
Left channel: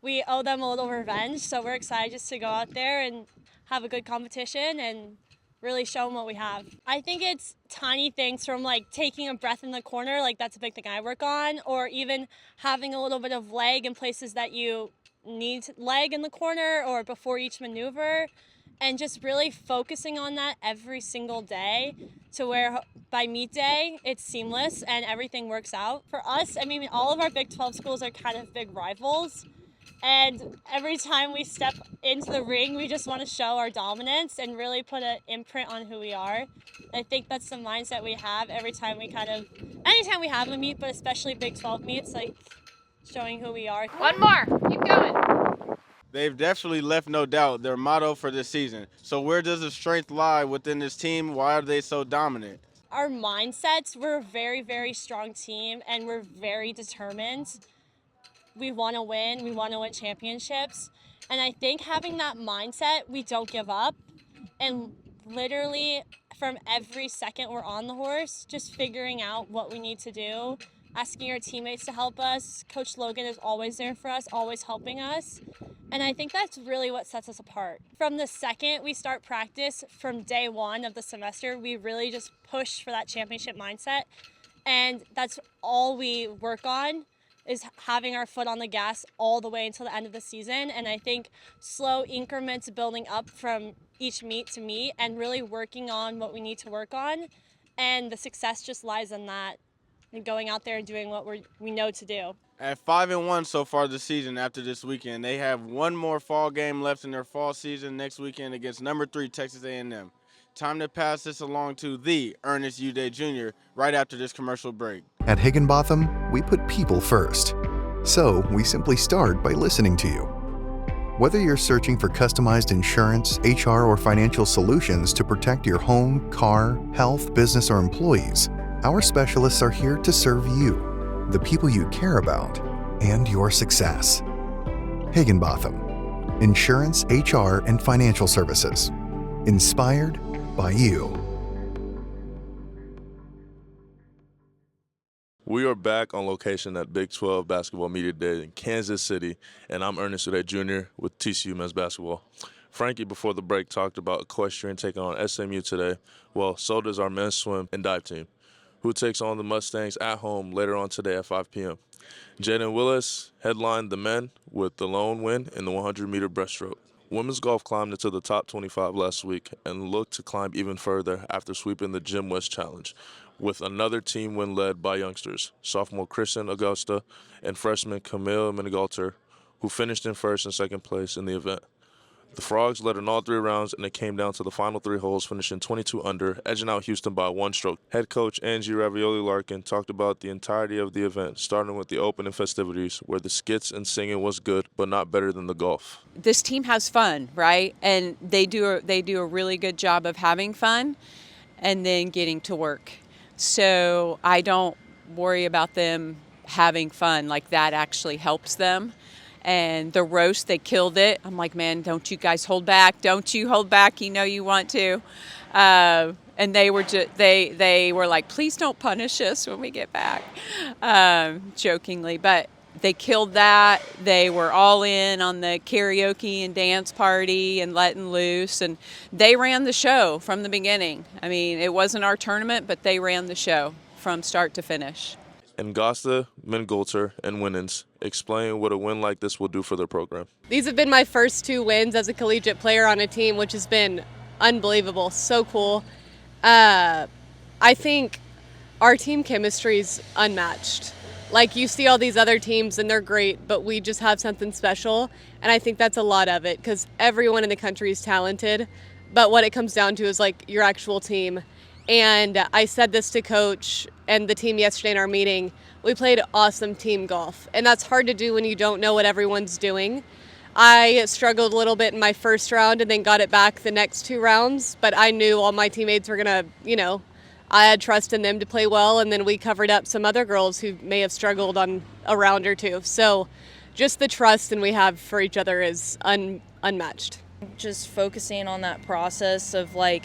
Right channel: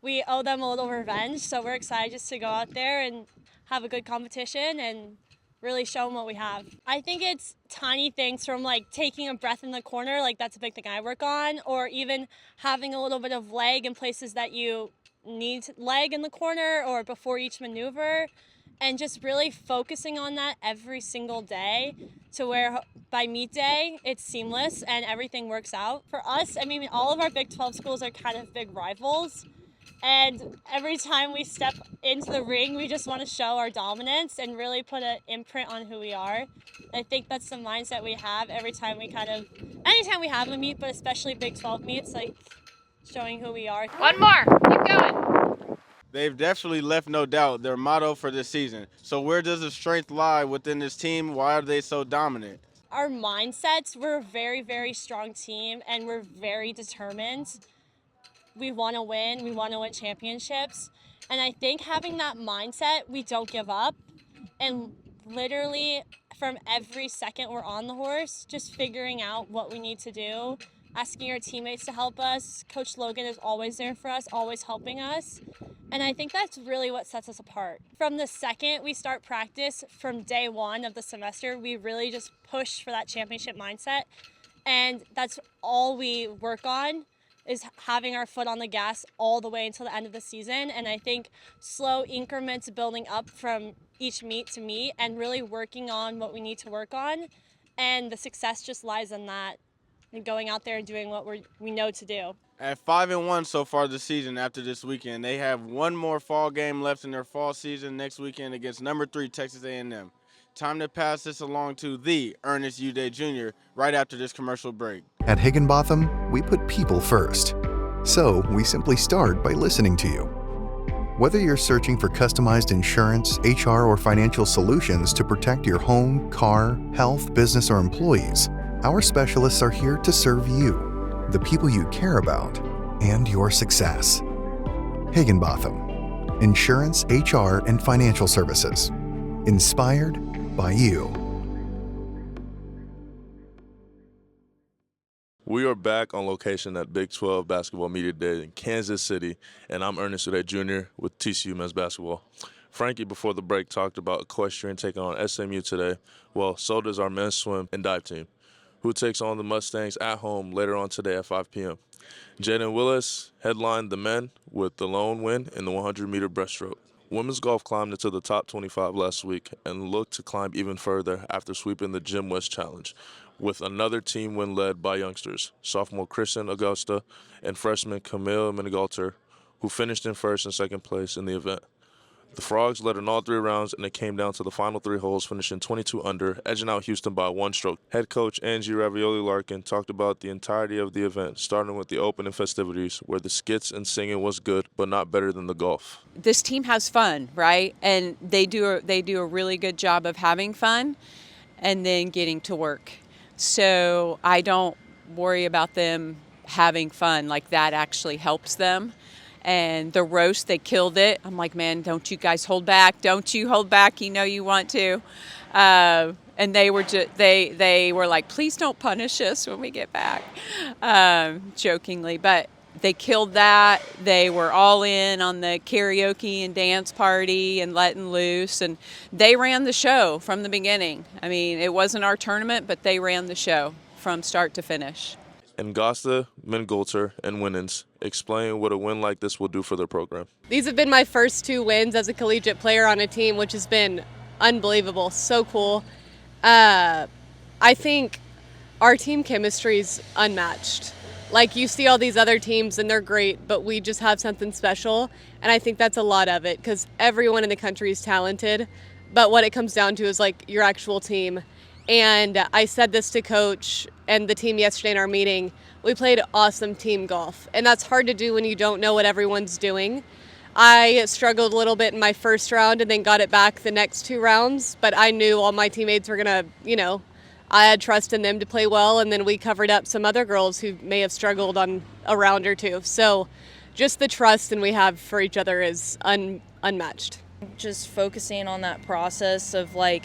we owe them a little revenge, so we're excited just to go out there and have a good competition and really show them what we have. I think it's tiny things from like taking a breath in the corner, like that's a big thing I work on, or even having a little bit of leg in places that you need leg in the corner or before each maneuver, and just really focusing on that every single day to where by meet day it's seamless and everything works out. For us, I mean, all of our Big 12 schools are kind of big rivals. And every time we step into the ring, we just want to show our dominance and really put an imprint on who we are. I think that's the mindset we have every time anytime we have a meet, but especially Big 12 meets, like showing who we are. One more, keep going. They've definitely left no doubt their motto for this season. So where does the strength lie within this team? Why are they so dominant? Our mindsets, we're a very, very strong team and we're very determined. We want to win. We want to win championships. And I think having that mindset, we don't give up. And literally from every second we're on the horse, just figuring out what we need to do, asking our teammates to help us. Coach Logan is always there for us, always helping us. And I think that's really what sets us apart. From the second we start practice, from day one of the semester, we really just push for that championship mindset. And that's all we work on, is having our foot on the gas all the way until the end of the season. And I think slow increments building up from each meet to meet and really working on what we need to work on. And the success just lies in that and going out there and doing what we know to do. At 5-1 so far this season after this weekend, they have one more fall game left in their fall season next weekend against number 3 Texas A&M. Time to pass this along to the Ernest Udeh Jr. right after this commercial break. At Higginbotham, we put people first. So we simply start by listening to you. Whether you're searching for customized insurance, HR, or financial solutions to protect your home, car, health, business, or employees, our specialists are here to serve you, the people you care about, and your success. Higginbotham, insurance, HR, and financial services. Inspired by you. We are back on location at Big 12 Basketball Media Day in Kansas City, and I'm Ernest Udeh Jr. with TCU Men's Basketball. Frankie, before the break, talked about Equestrian taking on SMU today. Well, so does our men's swim and dive team, who takes on the Mustangs at home later on today at 5 p.m. Jaden Willis headlined the men with the lone win in the 100-meter breaststroke. Women's golf climbed into the top 25 last week and looked to climb even further after sweeping the Jim West Challenge, with another team win led by youngsters, sophomore Kristen Augusta and freshman Camille Minigalter, who finished in first and second place in the event. The Frogs led in all 3 rounds, and it came down to the final 3 holes, finishing 22 under, edging out Houston by 1 stroke. Head coach Angie Ravioli-Larkin talked about the entirety of the event, starting with the opening festivities, where the skits and singing was good, but not better than the golf. This team has fun, right? And they do a really good job of having fun and then getting to work. So I don't worry about them having fun. Like, that actually helps them. And the roast, they killed it. I'm like, man, don't you guys hold back. Don't you hold back. You know you want to. And they were like, please don't punish us when we get back, jokingly. But they killed that. They were all in on the karaoke and dance party and letting loose. And they ran the show from the beginning. I mean, it wasn't our tournament, but they ran the show from start to finish. Ngosta, Mingolter, and Winans explain what a win like this will do for their program. These have been my first 2 wins as a collegiate player on a team, which has been unbelievable. So cool. I think our team chemistry is unmatched. Like, you see all these other teams and they're great, but we just have something special. And I think that's a lot of it, because everyone in the country is talented. But what it comes down to is like your actual team. And I said this to Coach and the team yesterday in our meeting. We played awesome team golf, and that's hard to do when you don't know what everyone's doing. I struggled a little bit in my first round and then got it back the next 2 rounds, but I knew all my teammates were going to, I had trust in them to play well, and then we covered up some other girls who may have struggled on a round or 2. So just the trust and we have for each other is unmatched. Just focusing on that process of like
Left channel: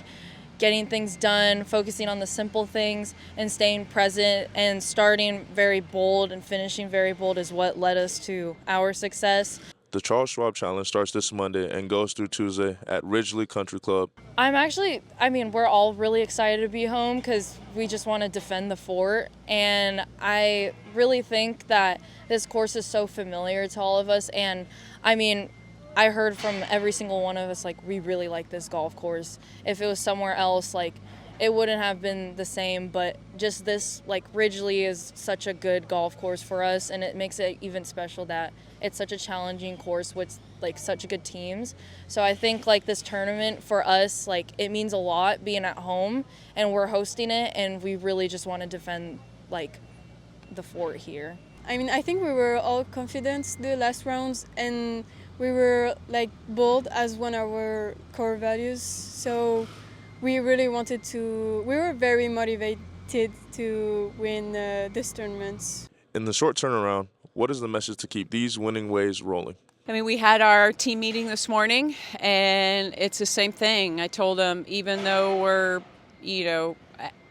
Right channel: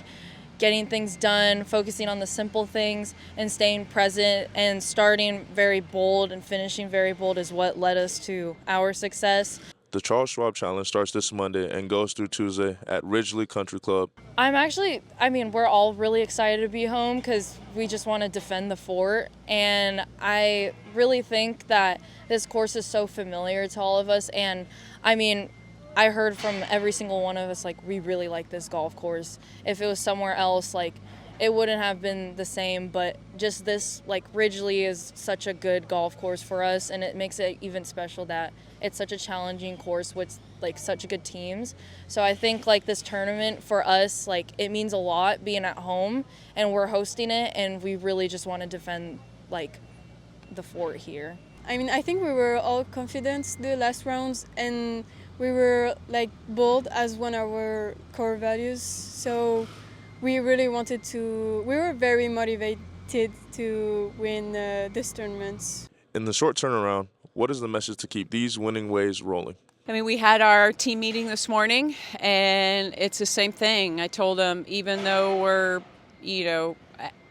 getting things done, focusing on the simple things and staying present and starting very bold and finishing very bold is what led us to our success. The Charles Schwab Challenge starts this Monday and goes through Tuesday at Ridgely Country Club. We're all really excited to be home because we just want to defend the fort. And I really think that this course is so familiar to all of us. And I heard from every single one of us, like, we really like this golf course. If it was somewhere else, like, it wouldn't have been the same, but just this, like, Ridgely is such a good golf course for us, and it makes it even special that it's such a challenging course with, like, such good teams. So I think, like, this tournament for us, like, it means a lot being at home, and we're hosting it, and we really just want to defend, like, the fort here. I think we were all confident the last rounds, and we were like bold as one of our core values. So we really we were very motivated to win this tournament. In the short turnaround, what is the message to keep these winning ways rolling? We had our team meeting this morning, and it's the same thing. I told them, even though we're,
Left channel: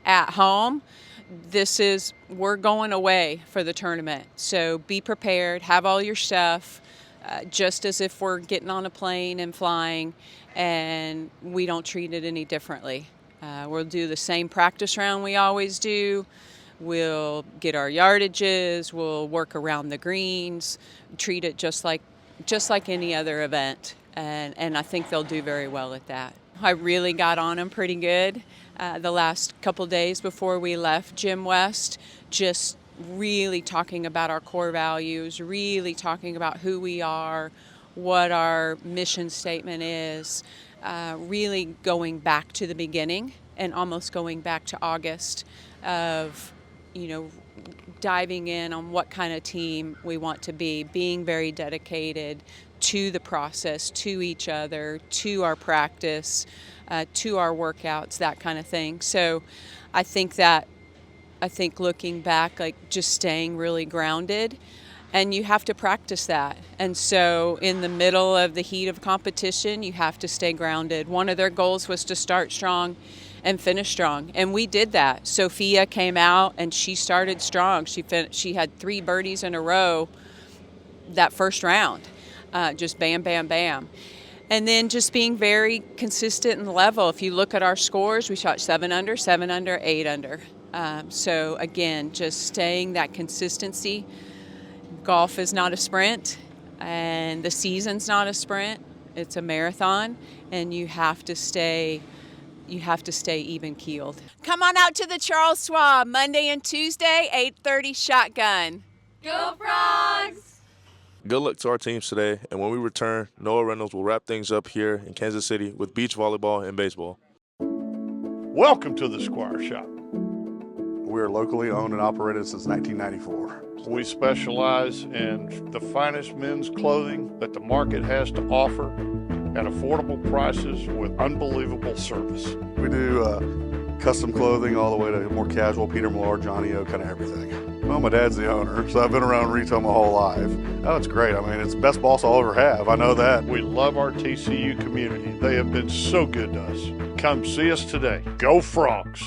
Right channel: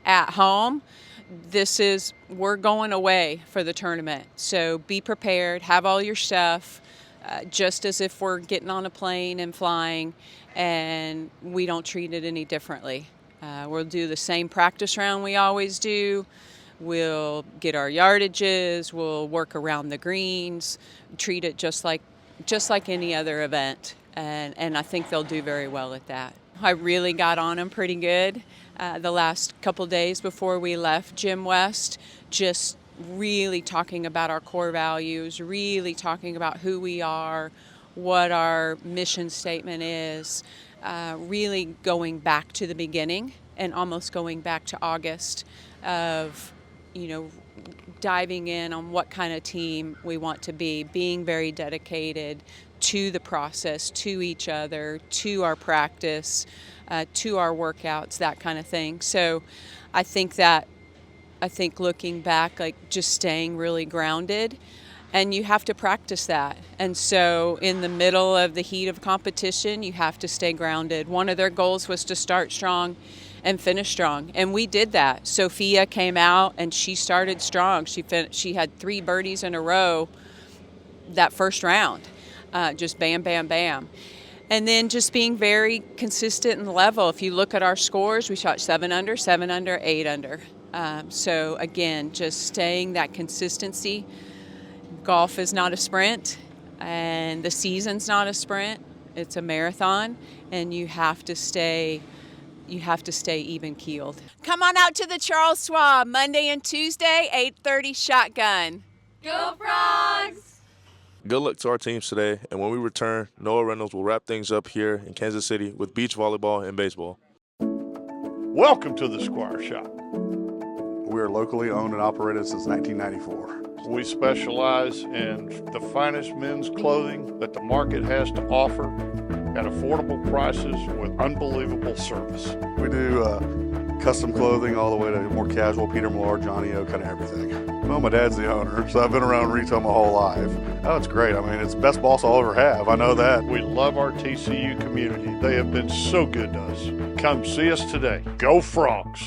at home, we're going away for the tournament. So be prepared, have all your stuff, just as if we're getting on a plane and flying, and we don't treat it any differently. We'll do the same practice round we always do. We'll get our yardages, we'll work around the greens, treat it just like any other event, and I think they'll do very well at that. I really got on them pretty good the last couple days before we left Gym West, just really talking about our core values, really talking about who we are, what our mission statement is, really going back to the beginning and almost going back to August of, diving in on what kind of team we want to be, being very dedicated to the process, to each other, to our practice, to our workouts, that kind of thing. So I think looking back, like just staying really grounded, and you have to practice that. And so in the middle of the heat of competition, you have to stay grounded. One of their goals was to start strong and finish strong, and we did that. Sophia came out and she started strong. She had 3 birdies in a row that first round, just bam, bam, bam. And then just being very consistent and level. If you look at our scores, we shot 7 under, 7 under, 8 under. So again, just staying that consistency. Golf is not a sprint, and the season's not a sprint. It's a marathon, and you have to stay even keeled. Come on out to the Charles Schwab Monday and Tuesday, 8:30 shotgun. Go Frogs! Good luck to our teams today, and when we return, Noah Reynolds will wrap things up here in Kansas City with beach volleyball and baseball. Welcome to the Squire Shop. We are locally owned and operated since 1994. We specialize in the finest men's clothing that the market has to offer at affordable prices with unbelievable service. We do custom clothing all the way to more casual, Peter Millar, Johnny O, kind of everything. Well, my dad's the owner, so I've been around retail my whole life. Oh, it's great. I mean, it's the best boss I'll ever have. I know that. We love our TCU community. They have been so good to us. Come see us today. Go Frogs!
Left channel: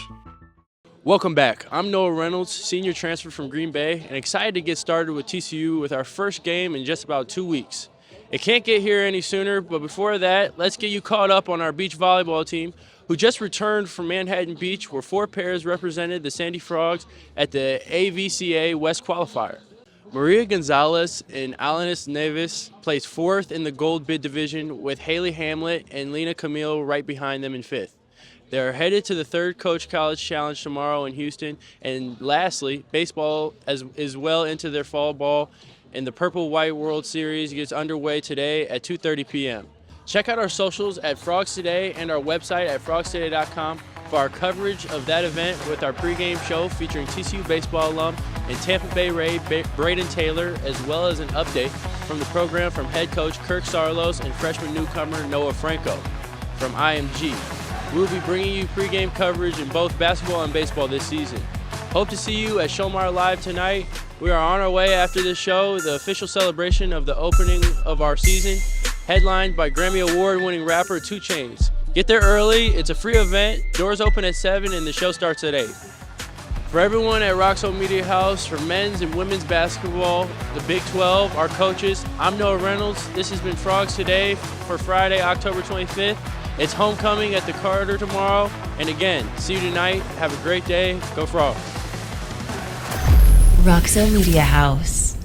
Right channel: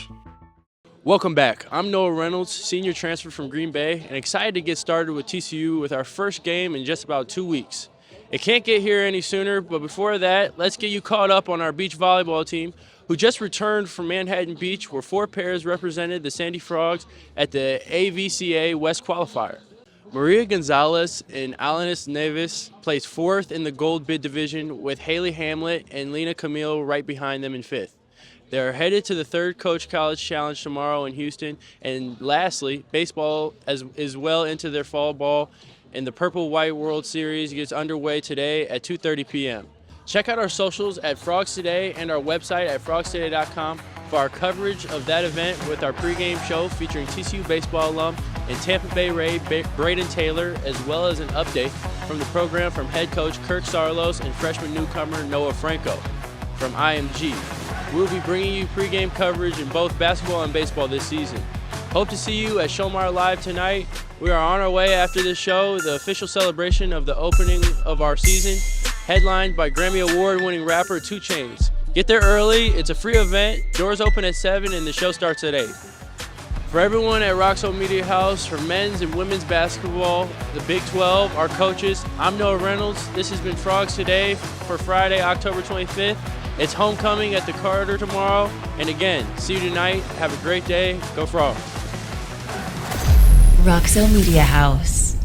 Welcome back. I'm Noah Reynolds, senior transfer from Green Bay, and excited to get started with TCU with our first game in just about 2 weeks. It can't get here any sooner, but before that, let's get you caught up on our beach volleyball team, who just returned from Manhattan Beach, where 4 pairs represented the Sandy Frogs at the AVCA West Qualifier. Maria Gonzalez and Alanis Neves placed 4th in the gold bid division, with Haley Hamlet and Lena Camille right behind them in 5th. They're headed to the 3rd Coach College Challenge tomorrow in Houston. And lastly, baseball is well into their fall ball, and the Purple-White World Series gets underway today at 2:30 p.m. Check out our socials at Frogs Today and our website at frogstoday.com for our coverage of that event with our pregame show featuring TCU baseball alum and Tampa Bay Ray Braden Taylor, as well as an update from the program from head coach Kirk Sarlos and freshman newcomer Noah Franco from IMG. We'll be bringing you pregame coverage in both basketball and baseball this season. Hope to see you at Schollmaier Live tonight. We are on our way after this show, the official celebration of the opening of our season, headlined by Grammy Award-winning rapper 2 Chainz. Get there early. It's a free event. Doors open at 7 and the show starts at 8. For everyone at Roxo Media House, for men's and women's basketball, the Big 12, our coaches, I'm Noah Reynolds. This has been Frogs Today for Friday, October 25th. It's homecoming at the Carter tomorrow. And again, see you tonight. Have a great day. Go Frogs. Roxo Media House.